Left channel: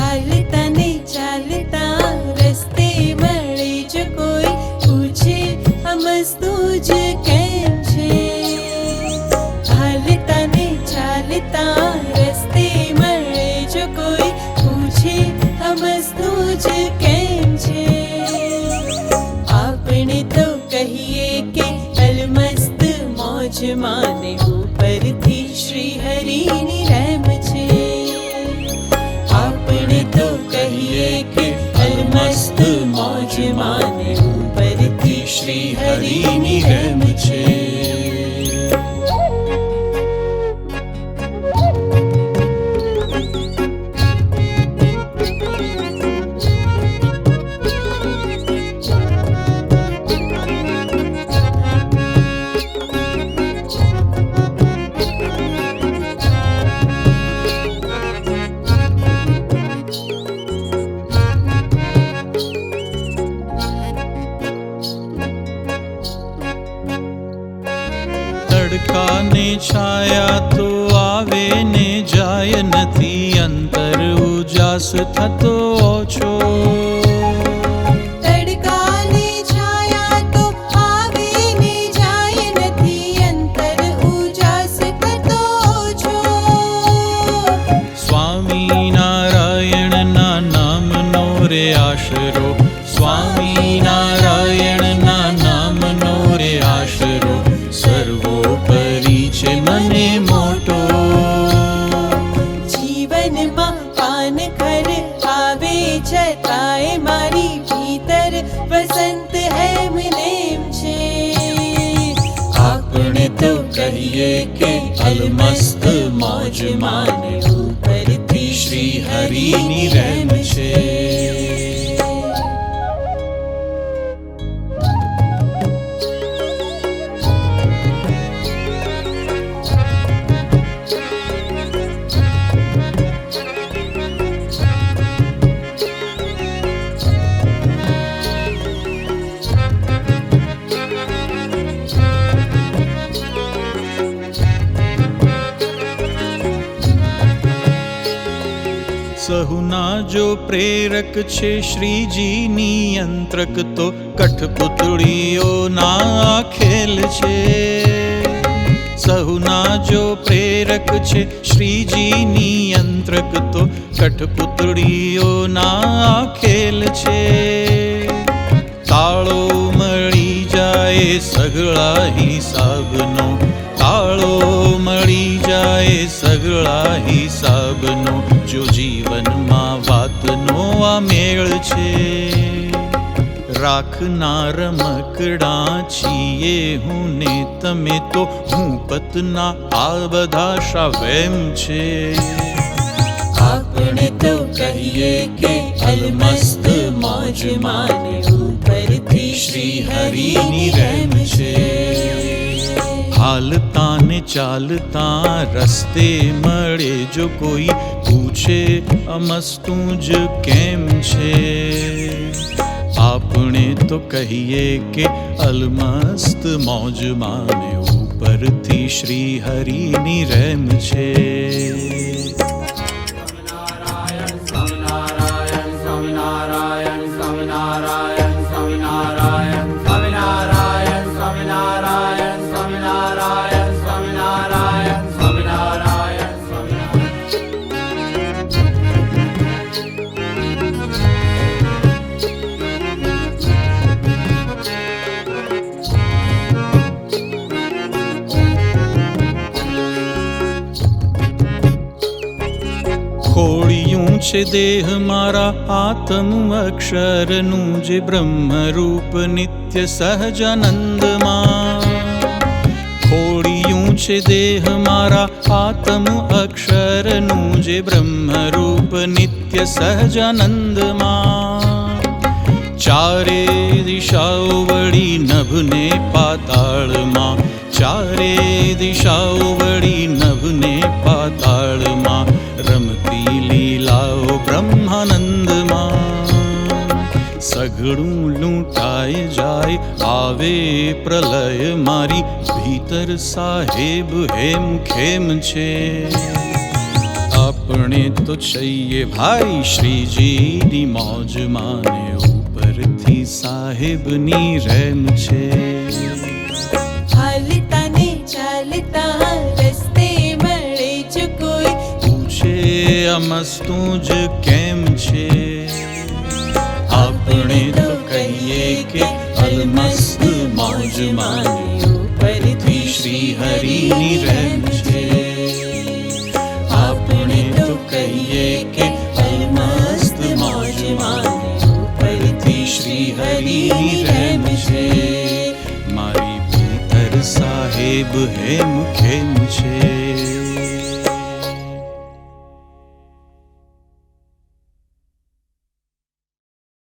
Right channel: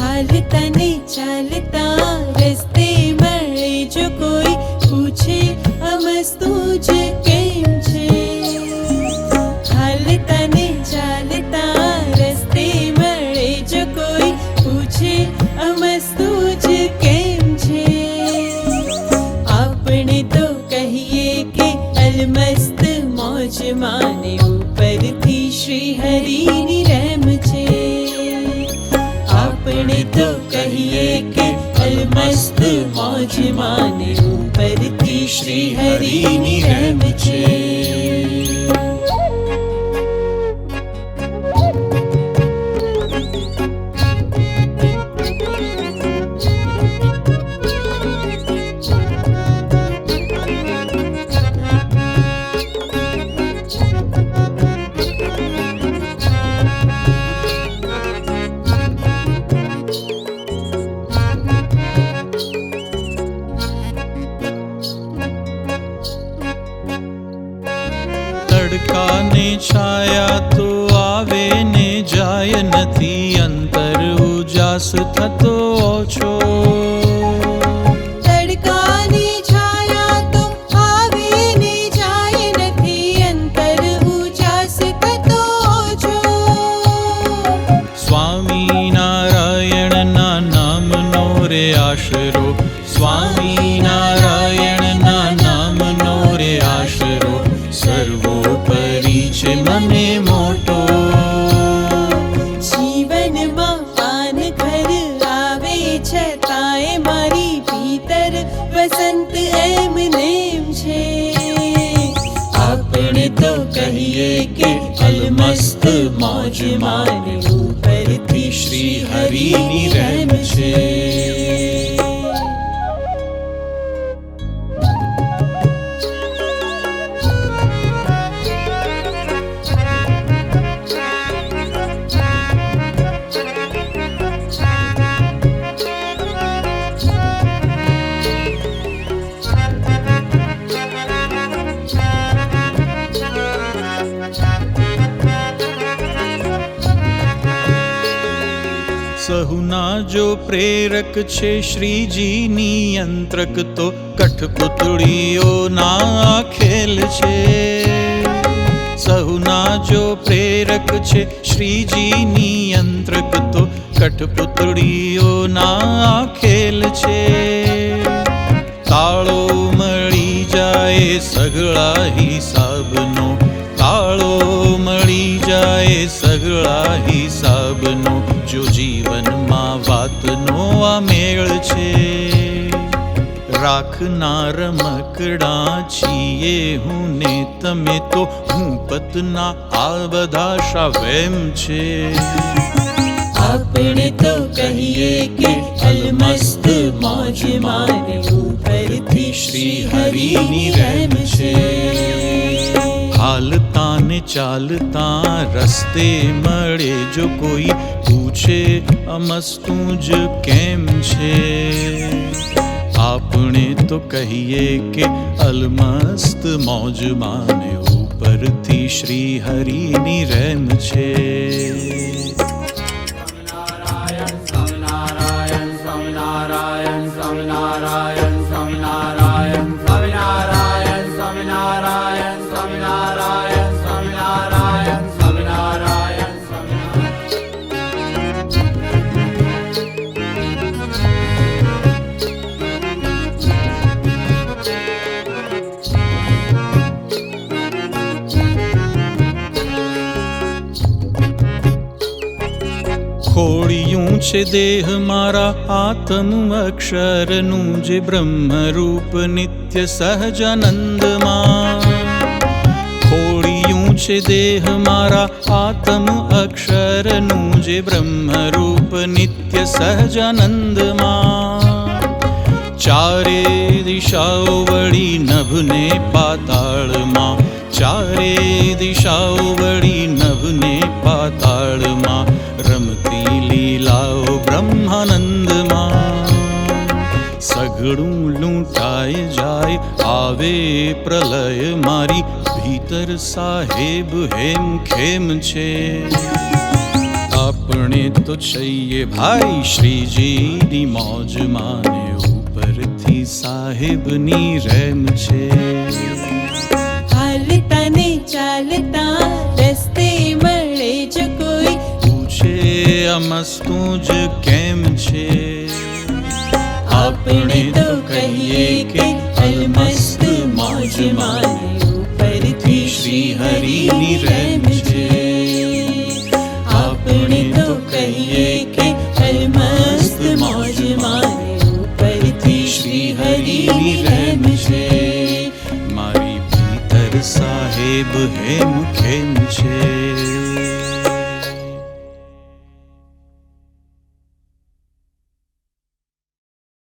हालता ने चालता रस्ते મળે જો કોઈ પૂછે અમસ્તુ જ કેમ છે. હાલતા ને ચાલતા રસ્તે મળે જો કોઈ પૂછે અમસ્તુ જ કેમ છે. આપણે તો કહીએ કે અલમસ્ત મોજ માને ઉપરથી શ્રી હરિની રહેમ છે. તો કહીએ કે અલમસ્ત મોજ માને ઉપરથી શ્રી હરિની રહેમ છે. તડકા ને છાયા તો આવે ને જાય નથી, અંતર ઉજાસ થતો ઓછો. તડકા ને છાયા તો આવે ને જાય નથી, અંતર ઉજાસ થતો ઓછો. સ્વામિનારાયણના નામનો રે આશરો, સ્વામિનારાયણના નામનો રે આશરો, સર્વોપરી છે મને મોટો. જીવનમાં પાન ઘર આવે છતાંય મારી ભીતર વસંત એમનેમ છે. આપણે તો કહીએ કે અલમસ્ત મોજ માને ઉપરથી શ્રી હરિની રહેમ છે. સહુના જો પ્રેરક છે શ્રીજી નિયંત્રક, તો કઠપુતળીઓના ખેલ છે. સહુના જો પ્રેરક છે શ્રીજી નિયંત્રક, તો કઠપુતળીઓના ખેલ છે. તાળો મળી જાય સગળા હિસાબનો, તાળો મળી જાય સગળા હિસાબનો, જો જીવનમાં વાતનો આ મેળ છે. રાખનાર મકડા છીએ હું ને તમે, તો હું પતના આ બધા શાવેમ છે. આપણે તો કહીએ કે અલમસ્ત મોજ માને ઉપરથી શ્રી હરિની રહેમ છે. હાલતા ને ચાલતા રસ્તે મળે જો કોઈ પૂછે અમસ્તુ જ કેમ છે. આપણે તો કહીએ કે અલમસ્ત મોજ માને ઉપરથી શ્રી હરિની રહેમ છે. સ્વામિનારાયણ સ્વામિનારાયણ સ્વામિનારાયણ સ્વામિનારાયણ સ્વામિનારાયણ સ્વામિનારાયણ સ્વામિનારાયણ સ્વામિનારાયણ સ્વામિનારાયણ સ્વામિનારાયણ ખોડિયું છે દેહ મારા આત્મ અક્ષરનું જે બ્રહ્મરૂપ નિત્ય સહજાનંદમાં ખોડિયું છે દેહ મારા આત્મ અક્ષરનું જે બ્રહ્મરૂપ નિત્ય સહજાનંદમાં ચારે દિશાઓ વળી નભને પાતાળમાં ચારે દિશાઓ વળી નભને પાતાળમાં રમતી લીલાઓ બ્રહ્માનંદમાં સઘળું લૂંટાય જાય આવે પ્રલય મારી ભીતર સાહેબ હેમ ખેમ છે આપણે તો છીએ ભાઈ શ્રીજીની મોજ માને ઉપરથી સાહેબની રેમ છે હાલતા ને ચાલતા રસ્તે મળે જો કોઈ પૂછે આ મસ્તું જ કેમ છે આપણે તો કહીએ કે અલમસ્ત મોજ માને ઉપરથી શ્રી હરિની રેમ છે આપણે તો કહીએ કે અલમસ્ત મોજ માને ઉપરથી શ્રી હરિની રેમ છે મારી ભીતર સાહેબ હેમ ખેમ છે